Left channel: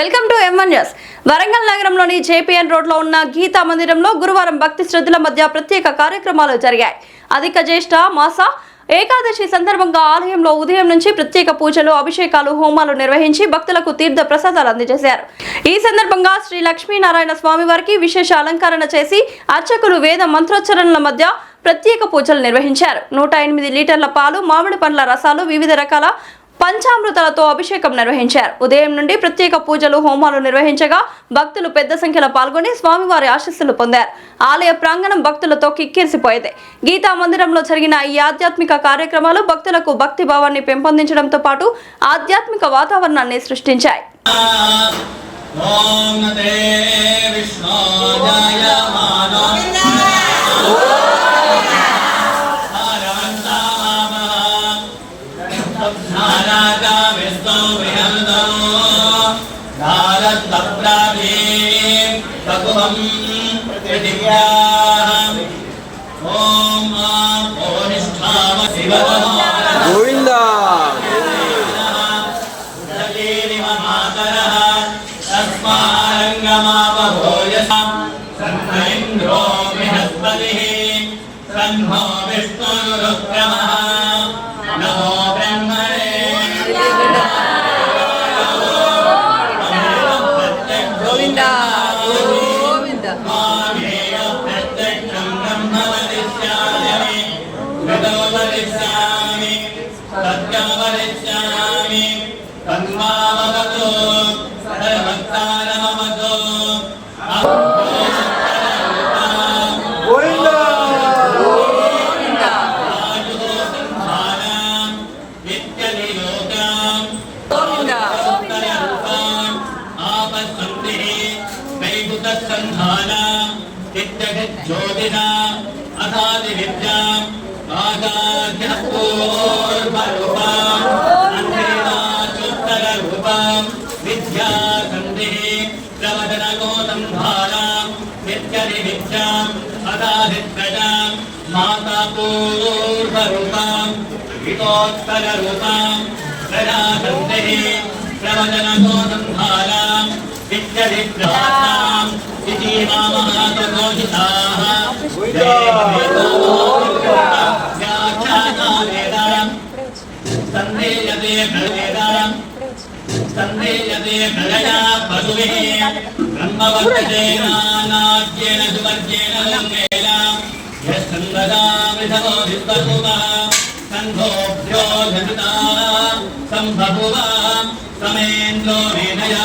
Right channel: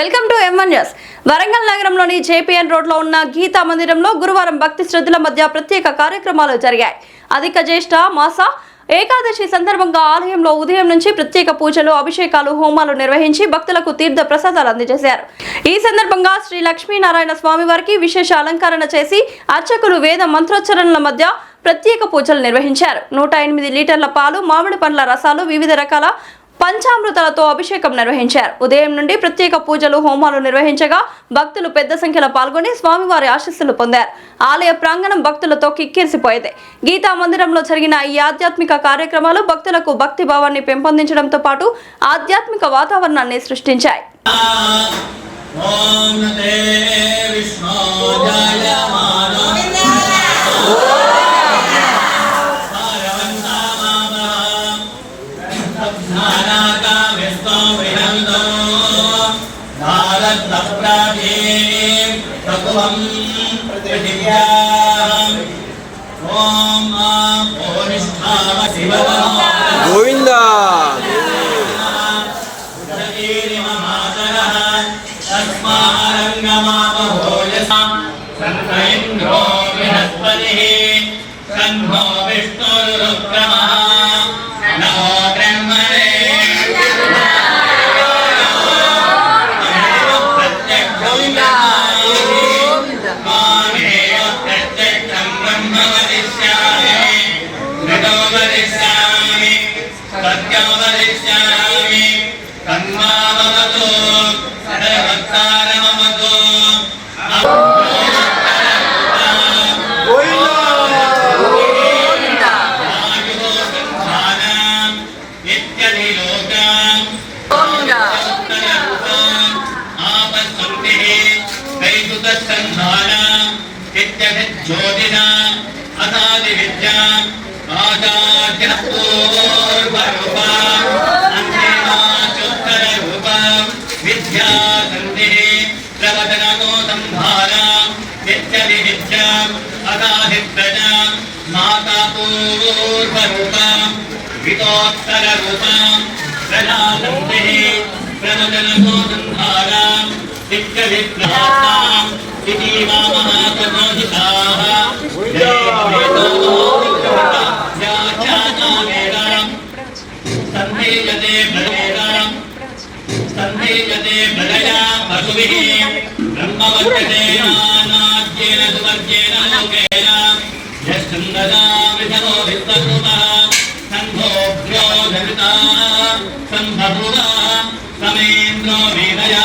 Welcome to M1 news. Warangal నగరంలోని JPN రోడ్లో ఉన్న గీతా మందిరంలో గురువారం భక్తి శ్రద్ధల మధ్య ప్రత్యేక కార్యక్రమాలు జరిగాయి. అధిక జ్యేష్ఠ మాస ఏకాదశి సందర్భంగా ఆలయంలో ఉదయం నుంచి ప్రత్యేక పూజలు, అభిషేకాలు, హోమాలు నిర్వహించి భక్తులకు తీర్థ ప్రసాదాలు అందజేశారు. ఈ సందర్భంగా శ్రీ లక్ష్మీనారాయణ స్వామి వారికి విశేష అలంకరణ చేసి అర్చకులు వేద మంత్రోచ్చరణల మధ్య ప్రత్యేక పూజలు నిర్వహించారు. 108 లీటర్ల పాలు, మామిడి పండ్ల రసాలు, వివిధ రకాల పంచామృతాలతో అభిషేకం నిర్వహించారు. ఉదయం నుండి ప్రత్యేక పూజలు, హోమాలు నిర్వహించగా భక్తులు పెద్ద సంఖ్యలో పాల్గొని స్వామివారి ఆశీస్సులు పొందారు. ఆలయ ప్రాంగణం భక్తులతో కిక్కిరిసిపోయింది. గీతా మందిరంలో జరిగిన ఈ ఆధ్యాత్మిక కార్యక్రమాలు భక్తులకు భక్తి భావాన్ని పెంపొందించడంతో పాటు ఆధ్యాత్మిక వాతావరణాన్ని సృష్టించాయి. గోవిందా ज्योतिषा असादि विद्या आचार्यरूपा अन्येवाचुत्तररूपा विद्या सन्तिः प्रवचनको संभारा इत्यदि विद्या असाधिप्रजा माता पूर्वरूपा वितोत्तररूपा प्रजा सन्तिः प्रवचनको संभारा इत्यदि प्रजा इति नामनाथमोहिताः सन्देयते प्रजया पशुभिः ब्रह्मवर्तते नानाद्येन सुवर्गेण लोकेन यस्कन्ददा विधवो वित्तरूपः सन्भोभ्यो धृताः सम्बभुवः समेन्द्रो वीणया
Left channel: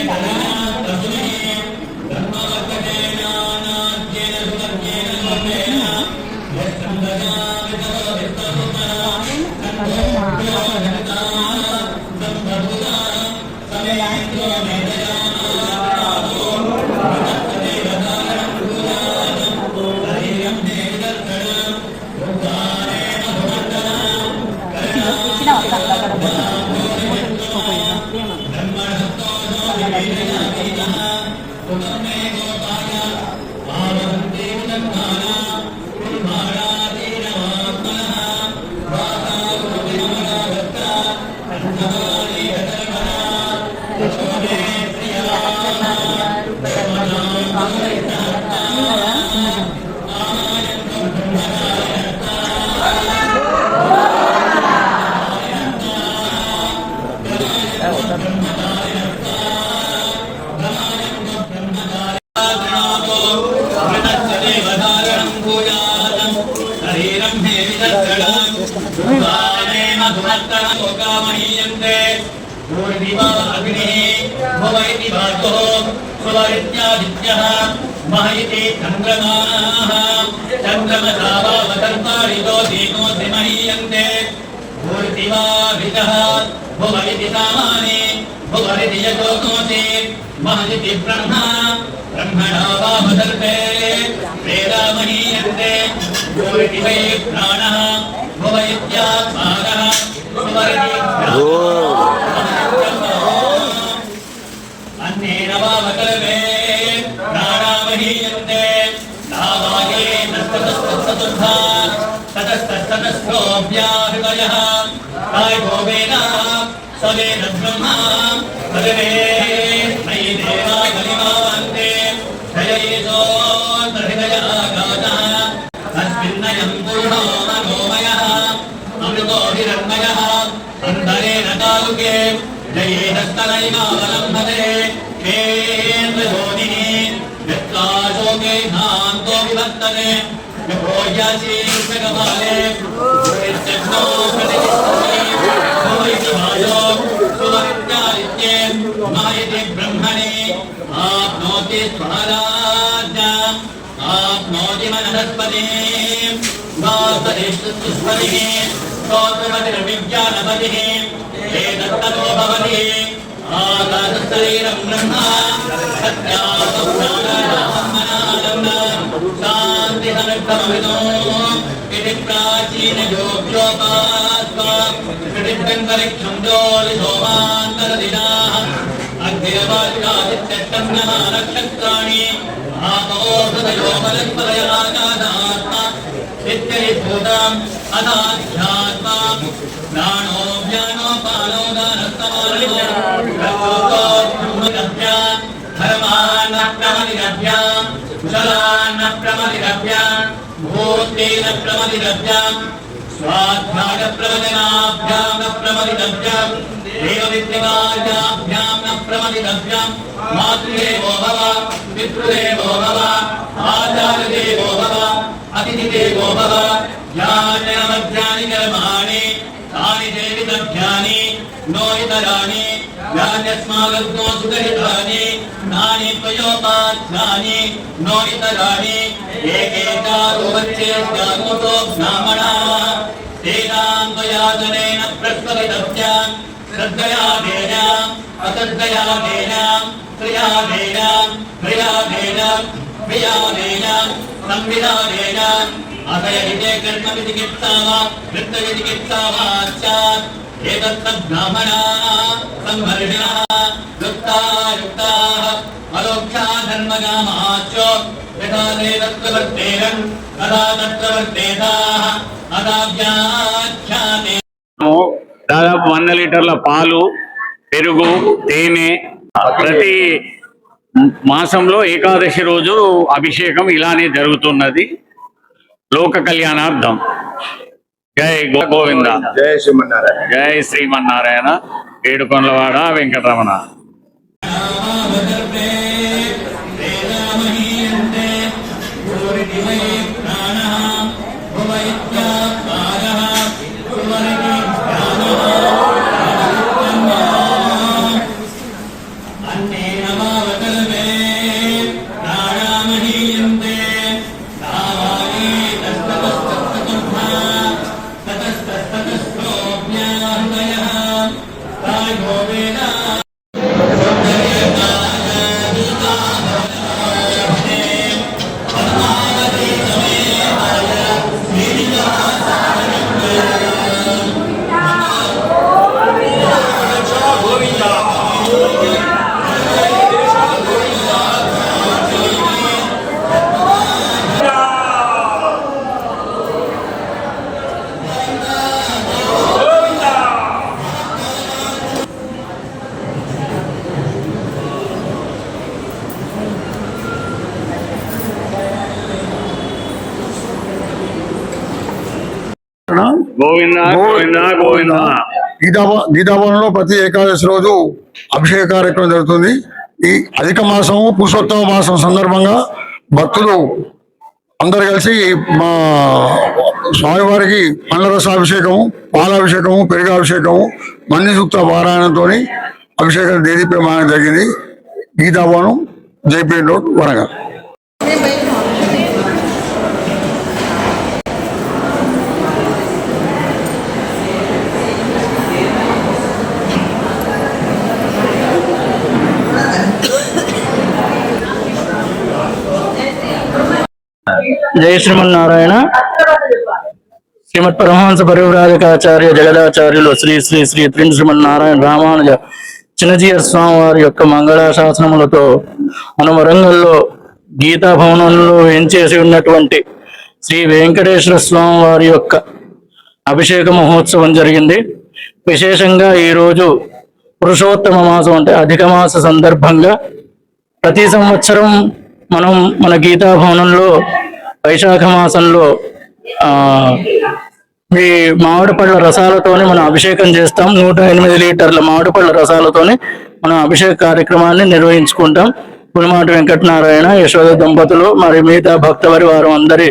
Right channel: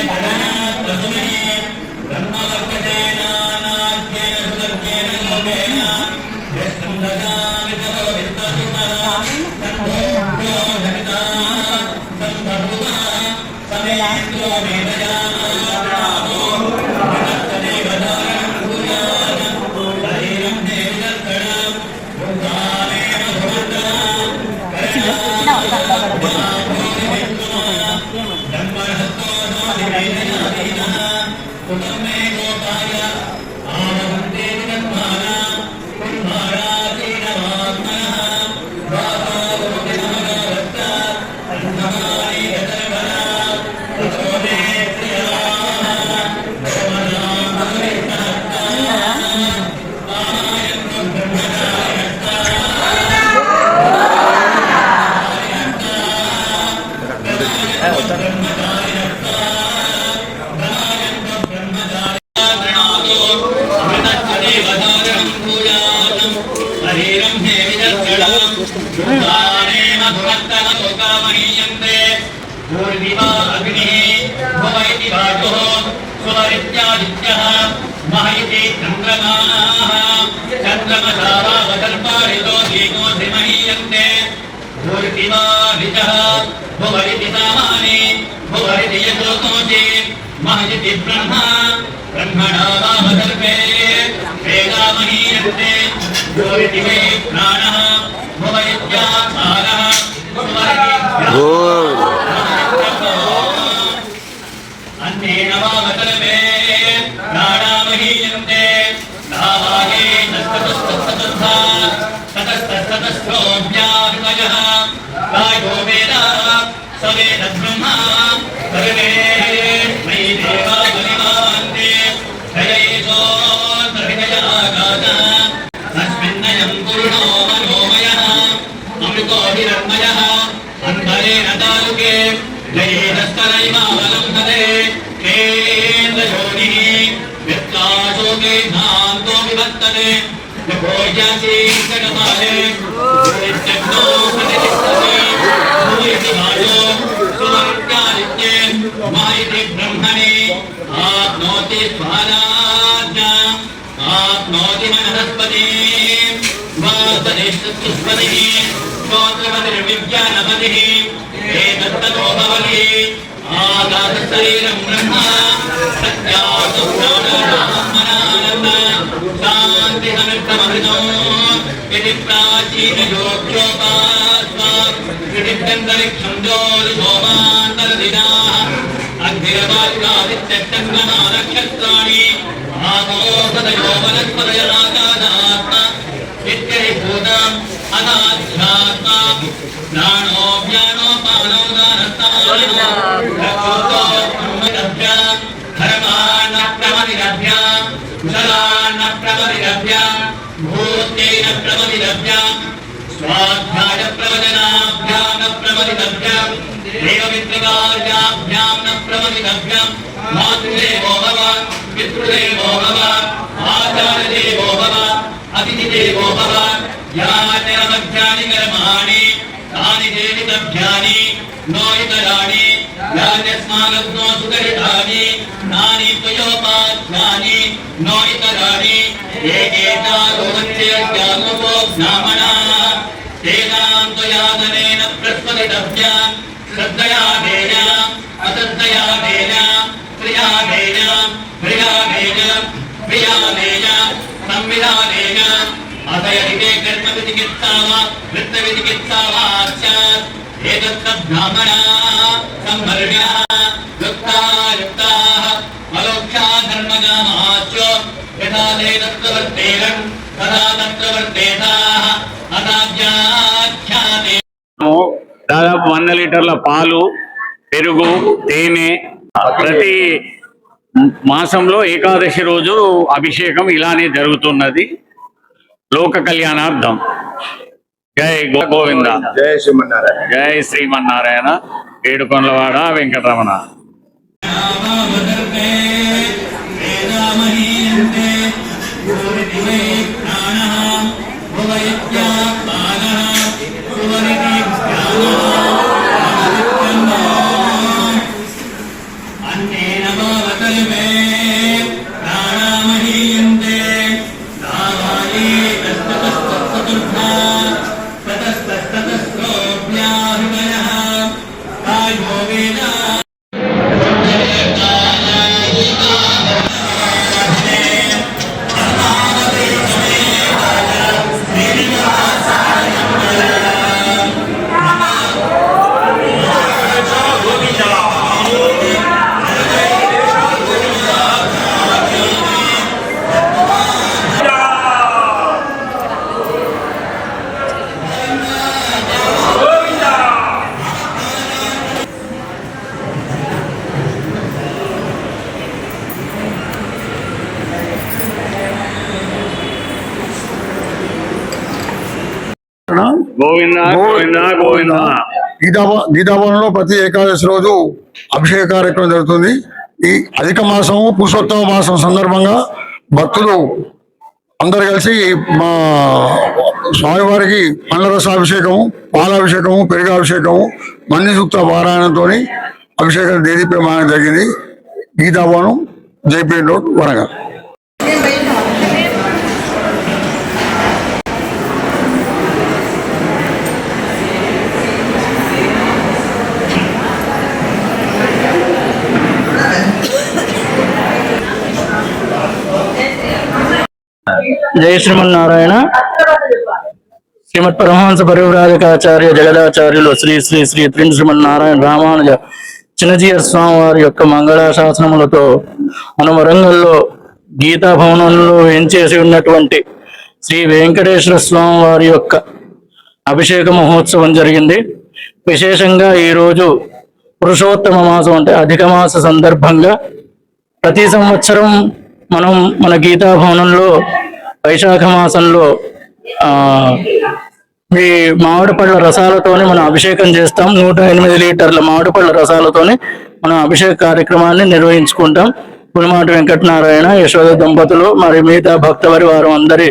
Gracias. महयति चन्द्रमाः चन्द्रमसावतर्पारितो दीनोऽधि महीयन्ते भूर्तिवाभितः भुवरिति सामाने भुवरिति यजोनोति महयति ब्रह्मा ब्रह्मणा वामदर्पे वेदा महीयन्ते भूरिति वै प्राणः भुवैत्यात्मानः भुवरिति अन्नेन वामदर्पे प्राणामहीयन्ते नावागे नस्ततस्ततस्ततस्था ततस्ततस्तोऽभ्याहृतयः कायो वेद स वेद ब्रह्मा सर्वे मयि देवा बलिमान्ते जयैषो हृदयागातः तस्मिन्नयं पुरुषो मनोमयः अमृतोऽभिरन्मयः अन्तरेण तालुके जयेदस्तनैवावलम्बते केन्द्रयोनिः वित्ताशोके धान्तो विवर्तते भोज्यासीकमाले भूरित्यग्नो प्रतिष्ठते भूरितभाषो सुमरित्यादित्ये मायिति ब्रह्मणे आप्नोति स्वराज्ञाम् आप्नोति मनसस्पतिम् वासरिष्ठस्पतिः श्रोत्रपतिर्विज्ञानपतिः एतत्ततो भवति आकाशशरीरं ब्रह्म शान्तिसमृद्धमृतो इति प्राचीनयोग्योपास्वादित्यन्तरिक्षं ज्योतिषोमान्तरदिनाः अग्निरवादित्यष्टम्नक्षत्राणि आपोषदयो वनस्पतयलाकाशात्मा इत्यरिभूतम् अनाध्यात्मा प्राणो ज्ञानो पानो दानस्तमानोऽभ्याम् धर्मान्न प्रमदिरभ्याम् कुशलान्न प्रमदिरभ्याम् भूतेन प्रमदिरभ्याम् स्वाध्याय प्रवचनाभ्याम् न प्रमदिरभ्याम् देववित्रकार्याभ्याम् न प्रमदिरभ्याम् मातृदेवो भव पितृदेवो भव आचार्यदेवो भव अतिथिदेवो भव यान्यनमध्यानि कर्माणि तानि देवितभ्यानि नो इतराणि यान्यस्मागत्नो सुकरितानि नानि त्वयोपाध्यानि नो इतराणि एकेतारोवच्चेत्यानुपो ब्राह्मणाः तेषां त्वयादनेन प्रस्फुटितव्यान् श्रद्धया वेदाम् अश्रद्धया वेदाम् क्रिया वेदाम् क्रिया वेदाम् क्रिया वेदाम् संविदा वेदाम् अतयदिते कर्मविचिकित्सा वा वृत्तविचिकित्सा वा स्यात् एतत्तब्राह्मणाः सम्वर्ण्याः युक्ताः अलोक्ष्या धर्मगामाश्च यथा ते तत्र वर्तेरन् तथा तत्र वर्तेताः अदाव्याख्याते దాదాపు 100 లీటర్ల పాలు, పెరుగు, తేనె ప్రతి మాసంలో ఏకాదశి రోజు అభిషేకం ఇలానే జరుగుతున్నది. లోక కళ్యాణార్థం. జై గోవింద, జై శ్రీమన్నారాయణ, జై శ్రీమన్నారాయణ, ఏడుకొండలవాడ వెంకటరమణ. अन्नेन कलमे प्राणामहीयन्ते नावाये तस्ततस्ततुर्धा ततस्ततस्तोऽभ्याहृदयः कायो वेदा గోవింద గోవింద గోవింద. గీతాభవనంలో ప్రతి ఏకాదశి రోజు అభిషేక కార్యక్రమం జరుగుతుంది. ఈ అధిక మాసము పురుషోత్తమ మాసం సందర్భంగా భక్తులు అందరు కలిసి మా స్వామివారికి పండ్ల రసాభిషేకము, పాలాభిషేకము, పెరుగాభిషేకము, మన్ని సూక్త పారాయణంతో అభిషేకం దేదీప్యమానం జరిగింది. గీతాభవనం, జేపీఎన్ రోడ్, వరంగల్. జయ శ్రీమన్నారాయణ. శ్రీమద్ పరమహంస పరివ్రాజకాచార్య జగదాచార్యులు శ్రీ శ్రీ శ్రీ త్రిన్ శ్రీమన్నారాయణ రామానుజ చిన్నజీయర్ స్వామి వారి యొక్క మంగళాశాసనములతో మన వరంగల్లో గీతా భవనంలో వేంచేసి ఉన్నటువంటి శ్రీ వెంకటేశ్వర స్వామి వారి యొక్క అభిషేక మహోత్సవం జరిగింది. విశేషంగా ఈరోజు పురుషోత్తమ మాసం అంటే అధిక మాస సందర్భంగా ప్రతి సంవత్సరం మనం మన గీతా భవనంలో వైశాఖ మాసంలో ఈ మామిడి పళ్ళ రసాలతోనే మనం అభిషేకం చేస్తాం. 108 లీటర్ల మామిడి పళ్ళ రసాలతోనే మనం అభిషేక కార్యక్రమాన్ని నిర్వహించుకుంటాం. పులిమాటి వెంకటనారాయణ, యశోద దంపతులు మరి మిగతా భక్త వారు అందరి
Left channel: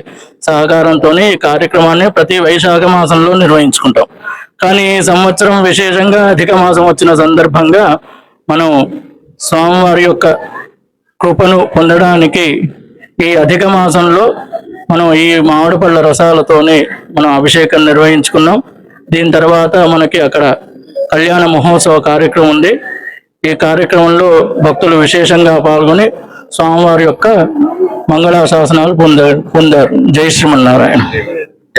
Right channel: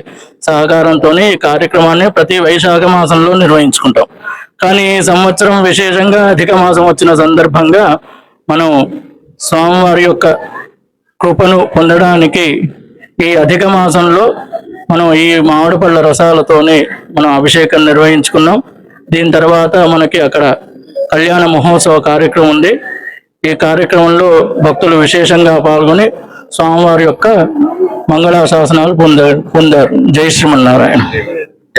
సహకారంతో ఈ కార్యక్రమాన్ని ప్రతి వైశాఖ మాసంలో నిర్వహించుకుంటాం. కానీ ఈ సంవత్సరం విశేషంగా అధిక మాసం వచ్చిన సందర్భంగా మనం స్వామివారి యొక్క కృపను పొందడానికి ఈ అధిక మాసంలో మనం ఈ మామిడి పళ్ళ రసాలతోనే మనం అభిషేకం నిర్వహించుకున్నాం. దీని తర్వాత మనకి అక్కడ కళ్యాణ మహోత్సవ కార్యక్రమం ఉంది. ఈ కార్యక్రమంలో భక్తులు విశేషంగా పాల్గొని స్వామివారి యొక్క మంగళాశాసనాలు పొందారు. జై శ్రీమన్నారాయణ.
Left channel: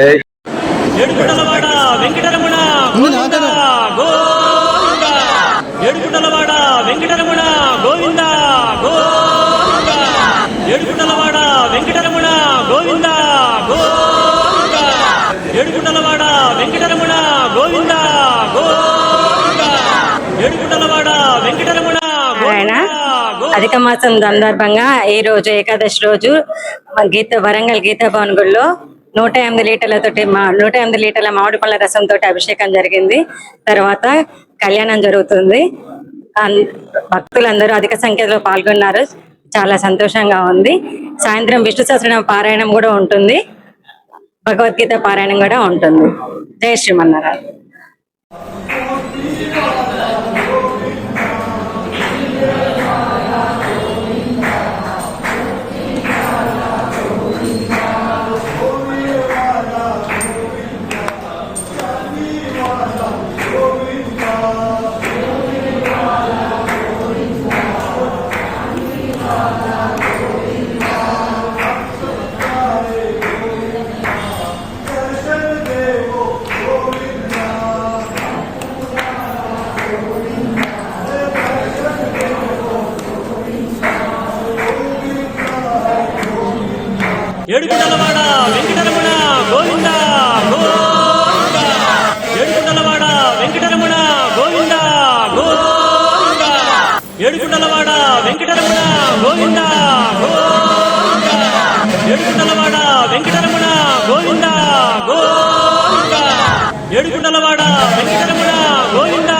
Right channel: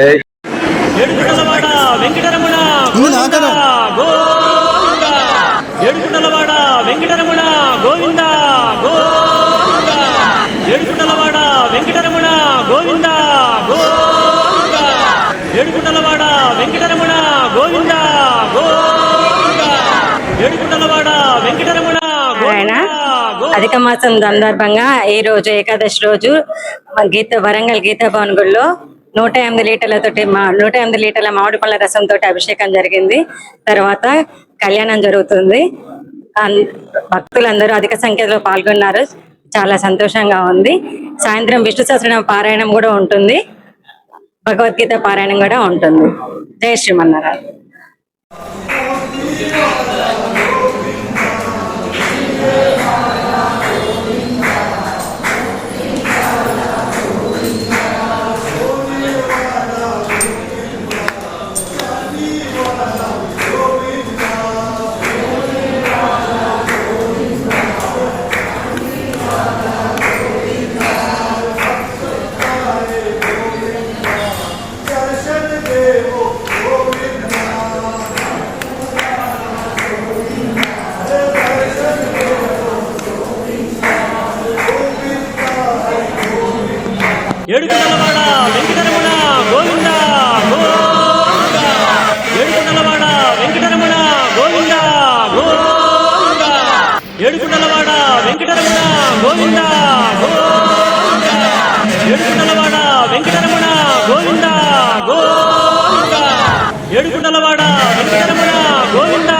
జై ఏడుగుండలవాడ వెంకటరమణ గోవింద గోవింద. ఏడుగుండలవాడ వెంకటరమణ గోవింద గోవింద. ఏడుగుండలవాడ వెంకటరమణ గోవింద గోవింద. ఏడుగుండలవాడ వెంకటరమణ గోవింద గోవింద. ఏడుగుండలవాడ వెంకటరమణ నారాయణ. అధిక మాసం సందర్భంగా ఈ రోజు ఏకాదశి రోజు వరంగల్ గీతా భవన్ గుడిలో 108 లీటర్లతోటి 108 లీటర్ల మామిడి పళ్ళ రసంతో అభిషేకం జరిగింది. తర్వాత కళ్యాణం జరుగుతుంది. భక్తులందరూ అధిక సంఖ్యలో పాల్గొన్నారు. చాలా సంతోషంగా ఉంది. సాయంత్రం విష్ణు సహస్రనామ పారాయణం కూడా ఉంటుంది. భగవద్గీత పారాయణం కూడా ఉంటుంది. జై శ్రీమన్నారాయణ. ఏడుగుండలవాడ వెంకటరమణ గోవింద గోవింద. ఏడుగుండలవాడ వెంకటరమణ గోవింద గోవింద. ఏడుగుండలవాడ వెంకటరమణ గోవింద గోవింద. ఏడుగుండలవాడ వెంకటరమణ గోవింద గోవింద. ఏడుగుండలవాడ వెంకటరమణ గోవింద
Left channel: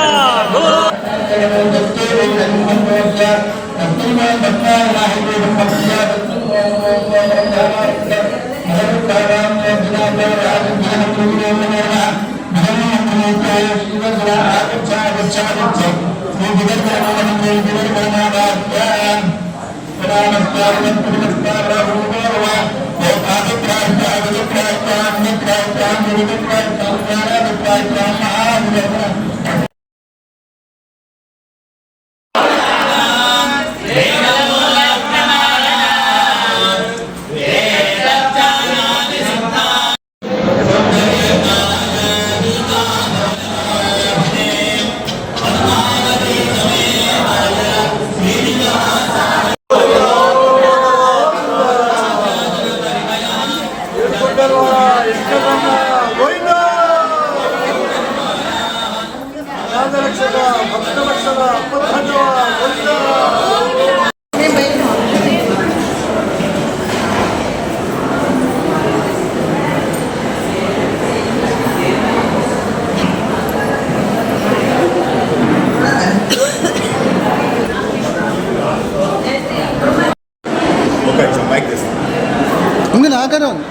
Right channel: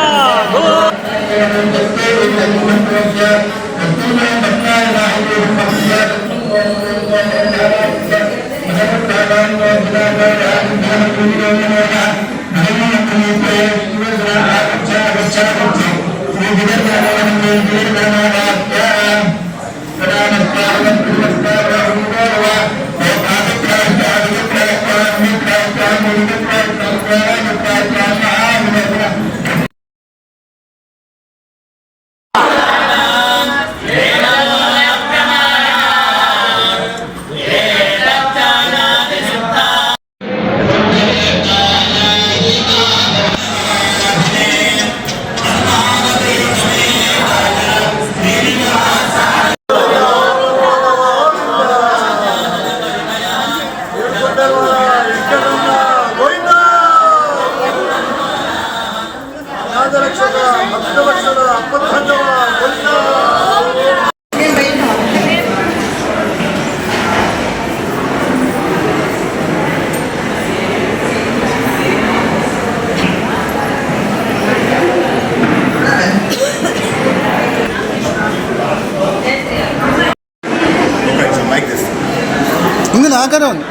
ఉంది నాకనే ఉంది